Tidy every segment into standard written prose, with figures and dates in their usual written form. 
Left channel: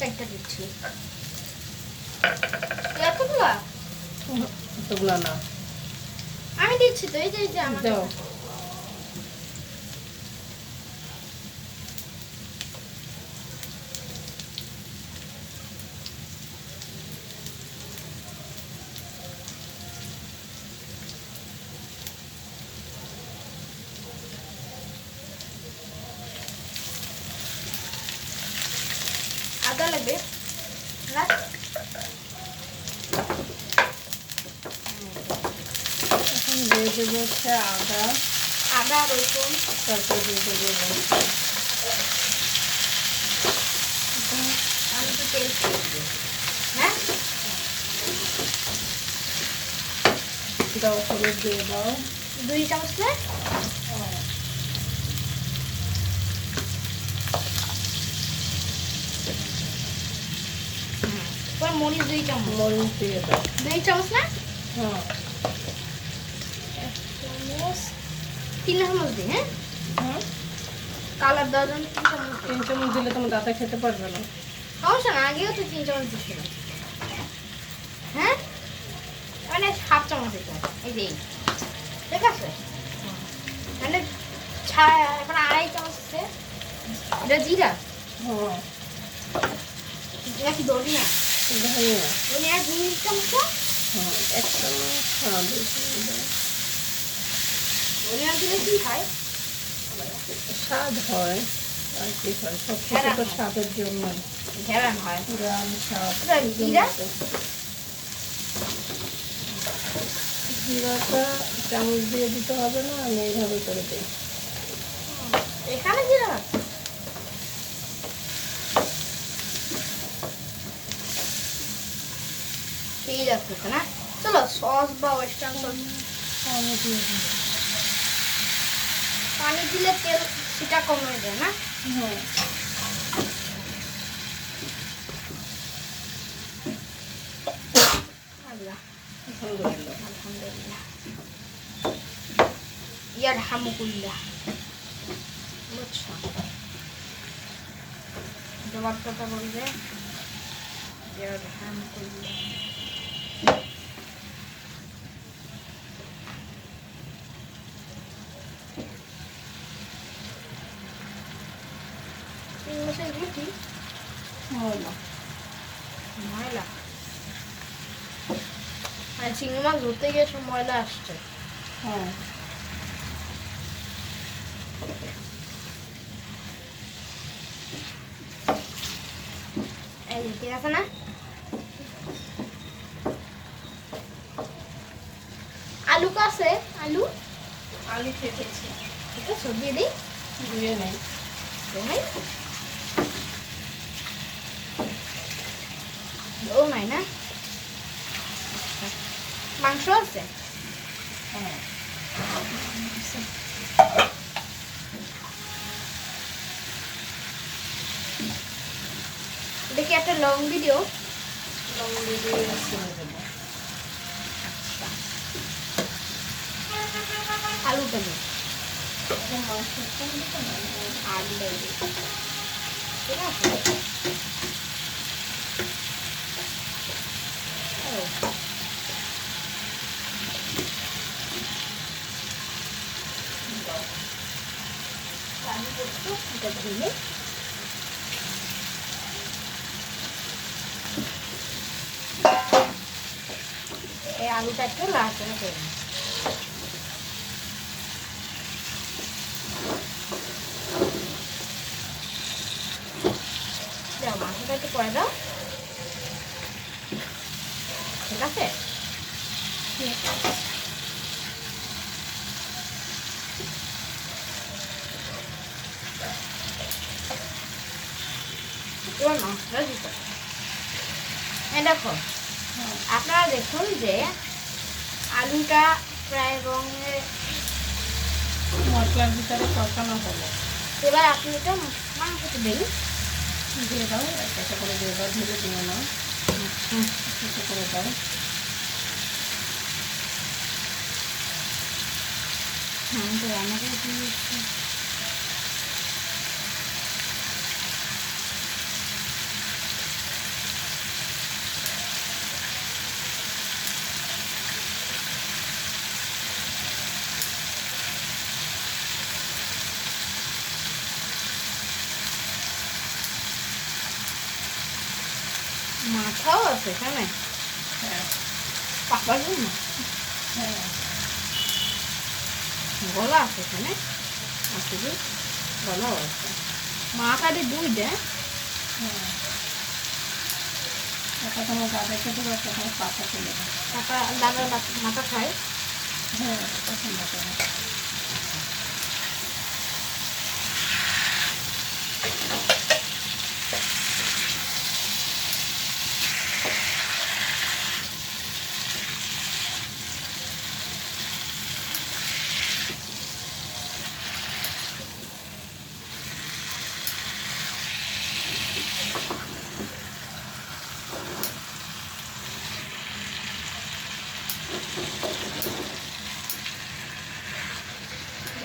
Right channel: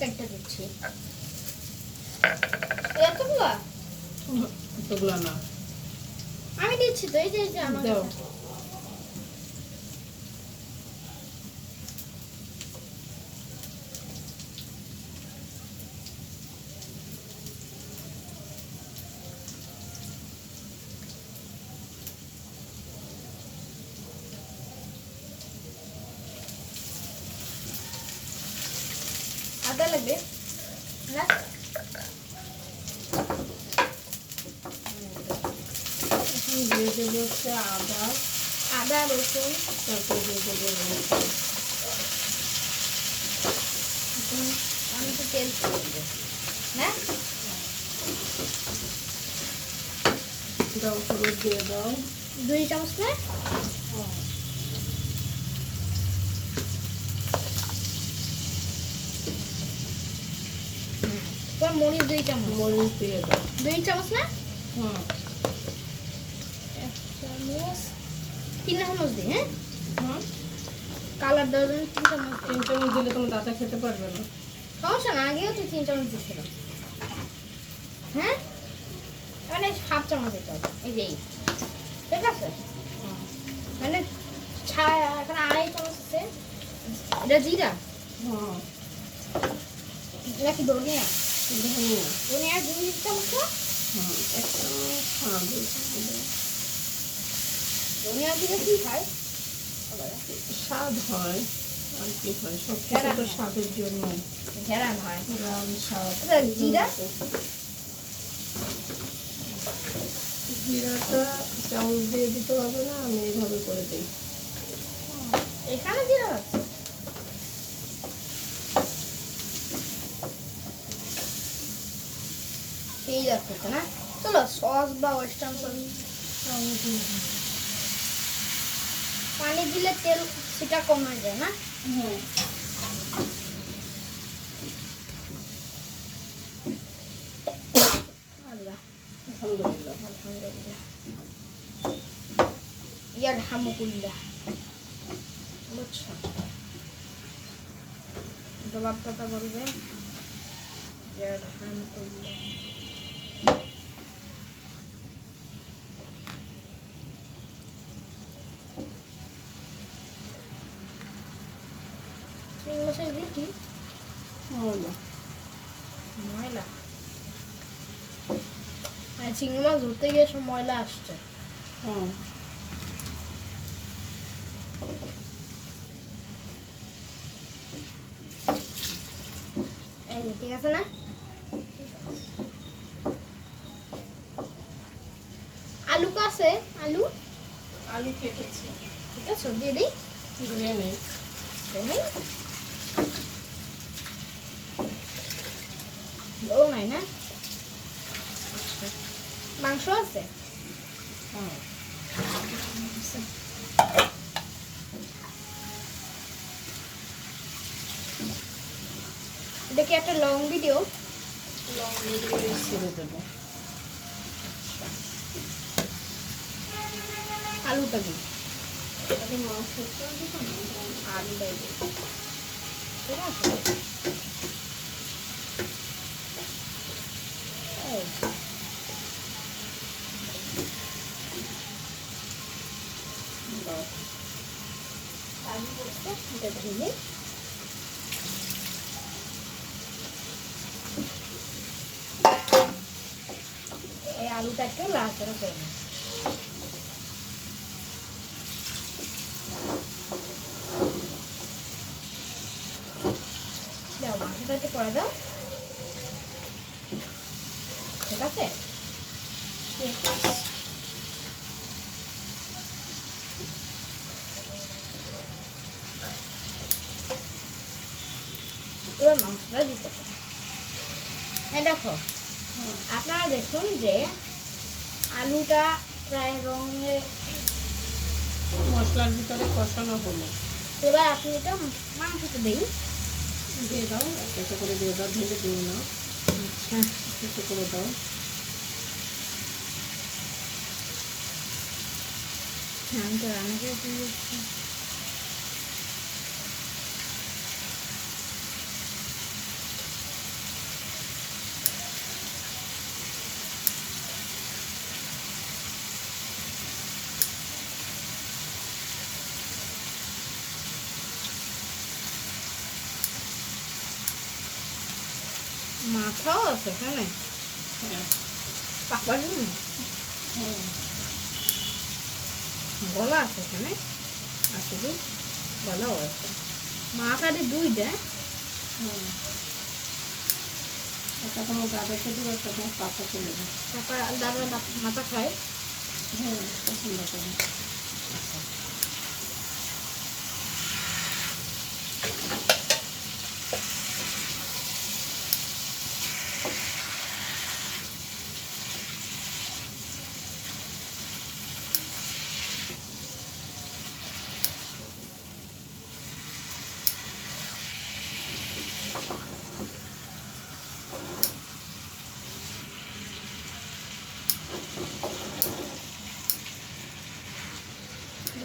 কাটতে দিচ্ছি। এতগুলা এতগুলা না, আমি দিচ্ছি তো, এই যে আমার দাও। আদা লাগবে না? এখন দিয়ে দেবো হচ্ছে আদা রসুন, তারপর দিয়ে দেবো আমি তো তেল হ্যাঁ দাও, হলুদ দিয়ে দাও 2 চামচ না? মরিচ 2 চামচ, মরিচ দিয়ে দাও। 2 চামচ না? হ্যাঁ 3 চামচ দিই। হ্যাঁ হ্যাঁ, কালার দেওয়ার জন্য 3 চামচ দিই। 3 চামচ দিলে তোমার দাদা খেতে পারবে না। সমস্যা না, আগেও তো 3 চামচ দিচ্ছিলাম। হ্যাঁ মানে 1/2 চামচ দিতে হবে, এই যে ঠিক আছে। মানে এখন 2.5 চামচ আছে। এটা জিরা, হ্যাঁ এটা কি ধনিয়া? ধনিয়া, ধনিয়া 2 চামচ। হ্যাঁ 1 চামচ, হ্যাঁ 2 চামচ দাও। ধনিয়া দিলে কি হয়? স্বাদ হয় আর কি হয়, সব কিছু তো স্বাদের জন্য, ঘেরান হয়। গ্রাম স্বাদ। জিরা জিরাটা চামচ দিয়ে দিতে হবে না, আমি এইভাবে করে দিই। এখানে জিরা আছে। সেই যাচ্ছে না, চলো সস বা ওয়েস্টার্ন সস পানি দিলে তেল সেটা কমে যায় না? হ্যাঁ আল্লাহ আলহামদুলিল্লাহ। আলহামদুলিল্লাহ ইয়ারহামুকুল্লাহ। বুঝছো জবাবটা বলবে ইয়ারহামুকুল্লাহ। এগুলো কি ময়লা, ময়লা? মানে চিংড়ি মাছ ধরতে গিয়ে সব ময়লা আসছে। হ্যাঁ এই যে ঠিক আছে না? আলু তো আছে, আলু আলু কেটেছি, ঠিক আছে দিয়ে দিই। দিয়ে নেই। ও নাই না, মাংস আছে। হ্যাঁ দেখি একটা লং ভিডিও। লবণ দিয়ে ছেড়ে দেবো। আলুটা দিই, এখন মাংসটা দিতে না, আলুটা দিই, ঠিক আছে। এই, দাও। আলু করছো এটা ধুয়ে এই আলুটা একটু নাড়াচাড়া করে নিই। দাও মাংসটা একটু করে দাও, ঠিক আছে। এবার মাংসটা দিতে হবে। এই দেখো আপনারা দেখুন যে আলুটা প্রায় রঙে মশলার ভিতরে কষানো হলো। এবার আপনি এটা মাংসটা দিন, দিয়ে দাও, একটা করে দিয়ে দাও, ধীরে দিয়ে নাও, একটু করে দাও। হ্যাঁ তো রান্না করে দিয়েছি। মাথাও আছে এখানে, হ্যাঁ পাকার জন্য হ্যাঁ গলা আছে এখানে, আছে কি গলাও আছে, মাথাটি দুইটা। হ্যাঁ। একটা তোমার দাদাকে দেবো, একটা তোমার পাপাকে দেবো। পাপা দাদার মাথা খায়। হ্যাঁ পছন্দ করে।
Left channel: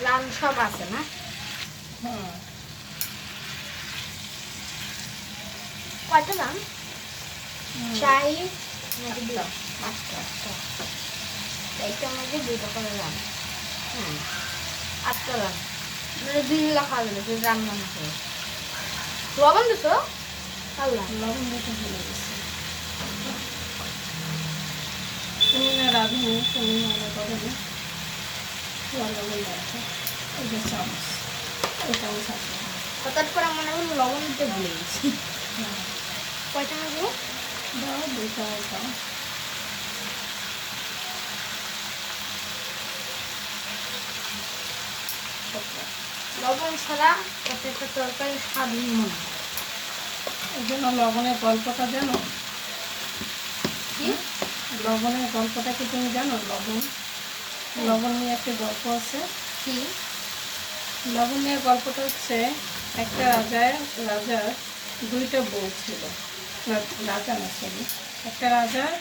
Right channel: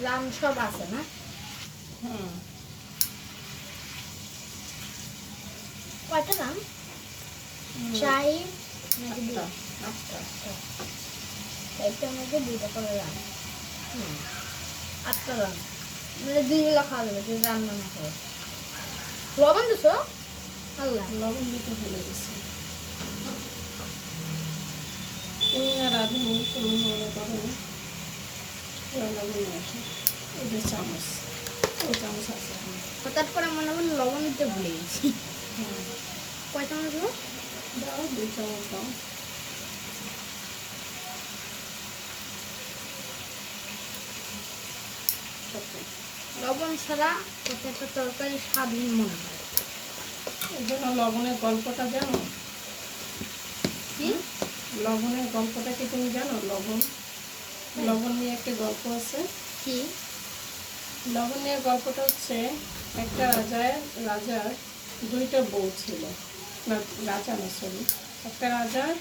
লাম সব আছে না? হুম কয়টা লাম? চাই নাকি দুই? আটটা। এইটার মধ্যে 2টা করে লাম। হুম, 8টা লাম। মানে 2 বিঘা খাওয়া যাবে, তুই রান্না না করে। লবণ দিছো? আল্লাহ। লবণ দিতে ভুলে গেছি। তুমি না রাঁধুনি, তুমি মনে করো না লবণ আছে, ওই যে চামচ, ওই চামচ আছে। হঠাৎ করে মনে হলো লবণ দিতে ভুলে গেছি। হ্যাঁ কয় চামচ দেবো? দাও 2 চামচ দাও। লবণ ছাড়া প্রত্যেকটা তরকারি স্বাদহীন মনে হয়। এই জন্য লবণের গল্পটা জানো? কি? লবণের গল্পটা কি তুমি জানো? লবণ নিয়ে একটা গল্প আছে। কি? লবণ নিয়ে গল্পটা হচ্ছে, একটা রাজার 2টা বউ ছিল। না রাজা না, সরি, একটা রাজার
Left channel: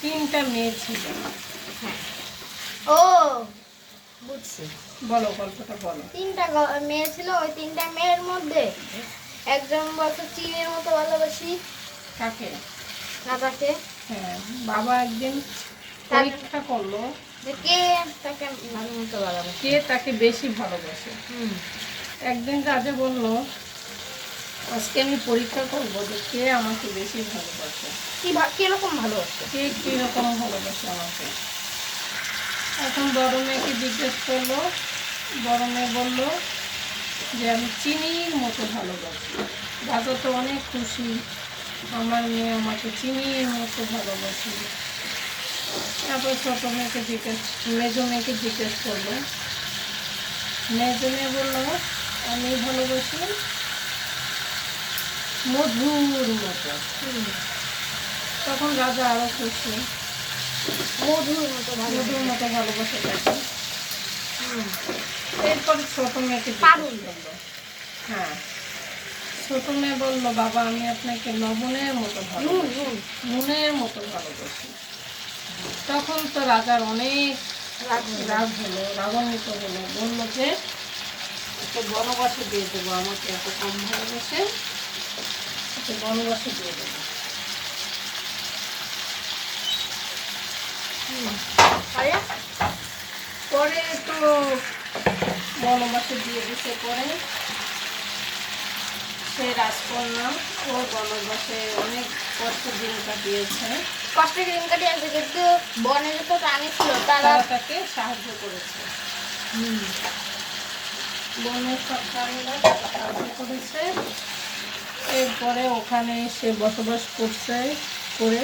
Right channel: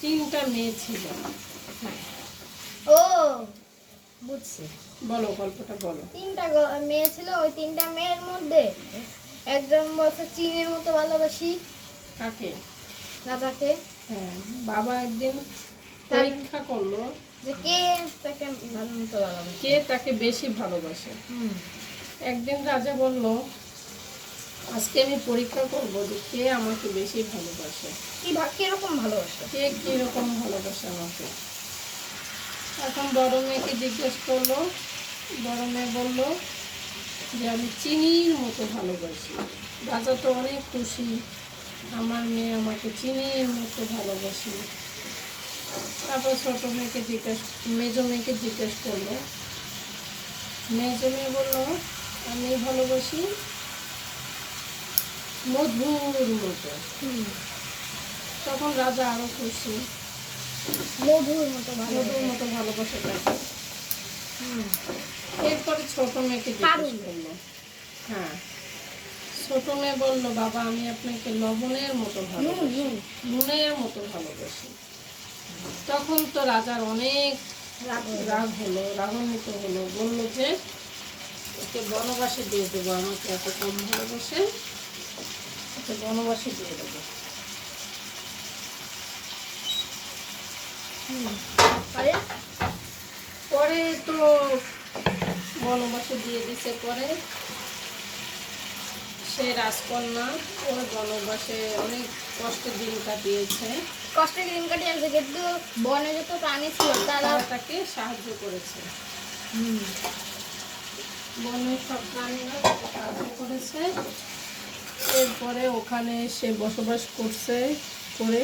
3টা মেয়ে ছিল। ও বুঝছি। বলো গল্পটা বলো। 3টা মেয়ে ছিল, ওই 3টা মেয়ের মধ্যে একজন বলছে চিনির মতো ভালোবাসি কাকে? রাজাকে। হ্যাঁ, বাবা একদিন পরীক্ষা করলো যে কে তাকে ভালো মতো ভালোবাসে। কে তাকে বেশি ভালোবাসে। হুম। একদিন রাজা বলল, আজকে আমি পরীক্ষা করবো যে কে আমাকে বেশি ভালোবাসে, কিরকম ভালোবাসে। কে কীরকম ভালোবাসে আমাকে। এখন বড় মেয়েকে জিজ্ঞেস করলো, বড় মেয়ে বললো যে আমি চিনির মতো ভালোবাসি। রাজা তো অনেক খুশি, আমার মেয়ে আমাকে চিনির মতো ভালোবাসি। তারপর ছোটো মেয়েকে মেজো মেয়েকে জিজ্ঞেস করলো, মেজো মেয়ে বললো আমি ভালোবাসি মধুর মতো। তখন রাজা আরো খুশি, মধুর মতো মধুর মতো ভালোবাসে তাকে। এরপরে ছোট মেয়েকে জিজ্ঞেস করলো, হ্যাঁ ছোট মেয়ে বললো বাবা আমি আপনাকে লবণের মতো ভালোবাসি, নুনের মতো ভালোবাসি। তখন তো রাজার অনেক রাগ হলো, রাগান্বিত হলো, বললো যে একে বনবাসে দিয়ে দেবো, আমাকে এত কম ভালোবাসে, একে বনবাসে দিয়ে দেবো। পরে তো বনবাসে দিয়ে দিতে, পরে সে রাজকন্যা ও বনবাসে অনেক কষ্ট দিন কাটিয়েছে। কষ্টের দিন কাটিয়েছে, কিন্তু বনে যত প্রাণী ছিল তারা তাকে সাহায্য করেছে। বনের সব প্রাণীরা তাকে সাহায্য করেছে। এরপরে ওখানে সে বসবাস করে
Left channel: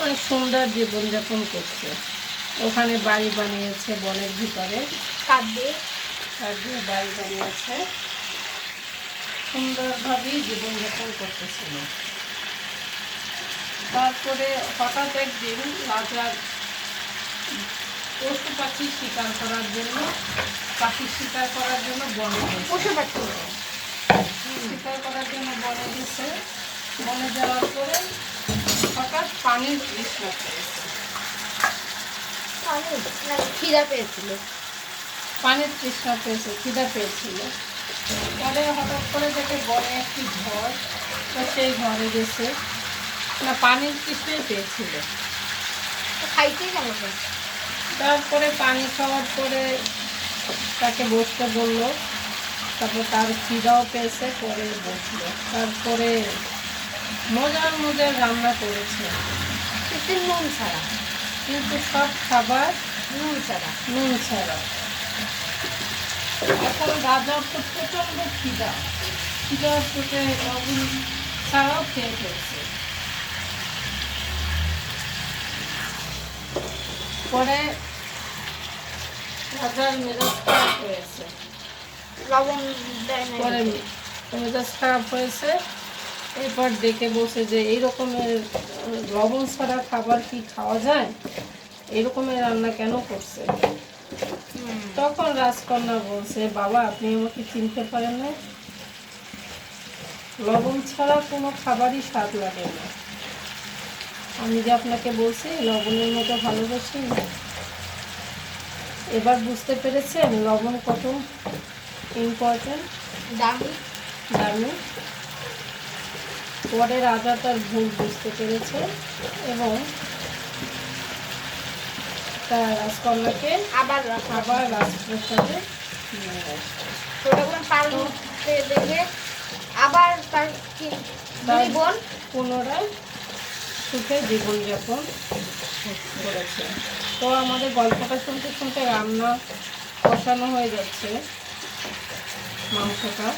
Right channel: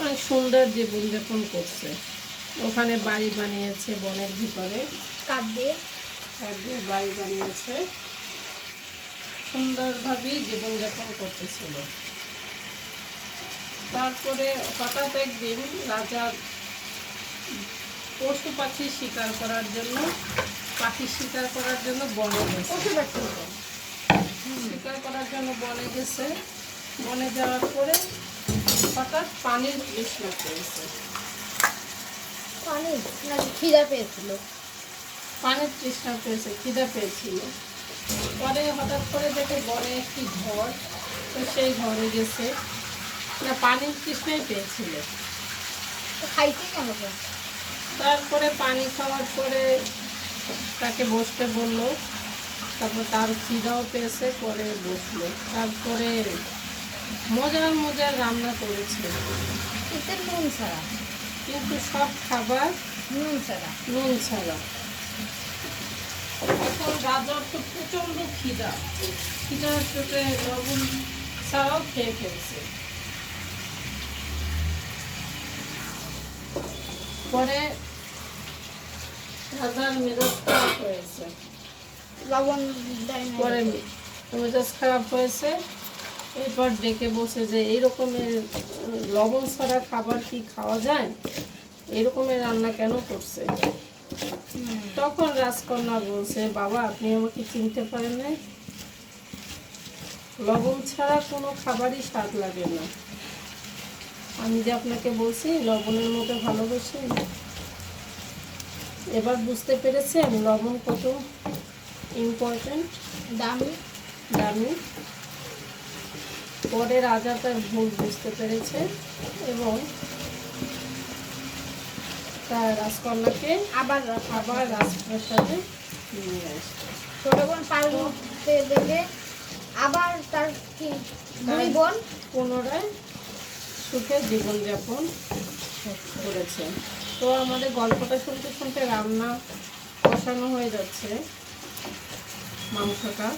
অনেক সুন্দর জীবনযাপন করছে। ওখানে বাড়ি বানিয়েছে বনের ভিতরে, কাঠ দিয়ে বাড়ি বানিয়েছে, সুন্দরভাবেই জীবনযাপন করতেছিল। তারপরে হঠাৎ একদিন রাজা পশু পাখি শিকার করার জন্য বনে গেছে। শিকার করার জন্য বনে গেছে। বনে যাওয়ার পরে হঠাৎ পানির তৃষ্ণা পেয়েছে। খিদা পেয়েছিল, পানির তৃষ্ণা পেয়েছে, খিদা পেয়েছিল। পরে হঠাৎ করে দেখে বনে একটি ঘর, তো সেই ঘরে গেছে, না পানির তৃষ্ণাই পেয়েছিল। খাইতে কেমন। তারপরে পানি খাওয়ার পরে তাকে বসতে বললো, তারপর তার খিদাও পেয়েছে, পরে বসলো। তারপরে মজার মজার রান্না করেছে, এতে নুন ছাড়া, কিন্তু সব খাবার নুন ছাড়া। নুন ছাড়া। এখন রাজার তো প্রচণ্ড খিদা, খিদার পেটে লবণ ছাড়াও খেয়ে ফেলছে। পরে রাজার মেজাজ খারাপ হয়েছে, লবণ দেয় না পরে মেজাজ খারাপ হয়েছে। এরপর ডেকে বসে যে এই রকমের লবণ ছাড়া খাবার কি খাওয়া যায়, এরকমের রান্না কেন করছে? তখন রাজকন্যা বলছে, বাবা আপনি আমাকে চিনতে পারেন না, লবণ ছাড়া কোনো খাবারই স্বাদ লাগে না। আমি যে আপনাকে বলছি লবণের মতো ভালোবাসি না, এবার বুঝতে পেরেছেন লবণ কত ইম্পর্টেন্ট, দামি। দামি। পরে রাজা তার ভুল বুঝতে পেরেছে এবং তার রাজকন্যাকে আবার আবার রাজপ্রাসাদে নিয়ে আসে। ছোট বোন পাল্টে দেখে আবার তার কি তার দুই বোন পুনরায় সুখে জীবনযাপন করেছে। তো আমাদের গল্পটা শুনতে শুনতে রান্না কষানো হয়ে যাচ্ছে মাংসটা।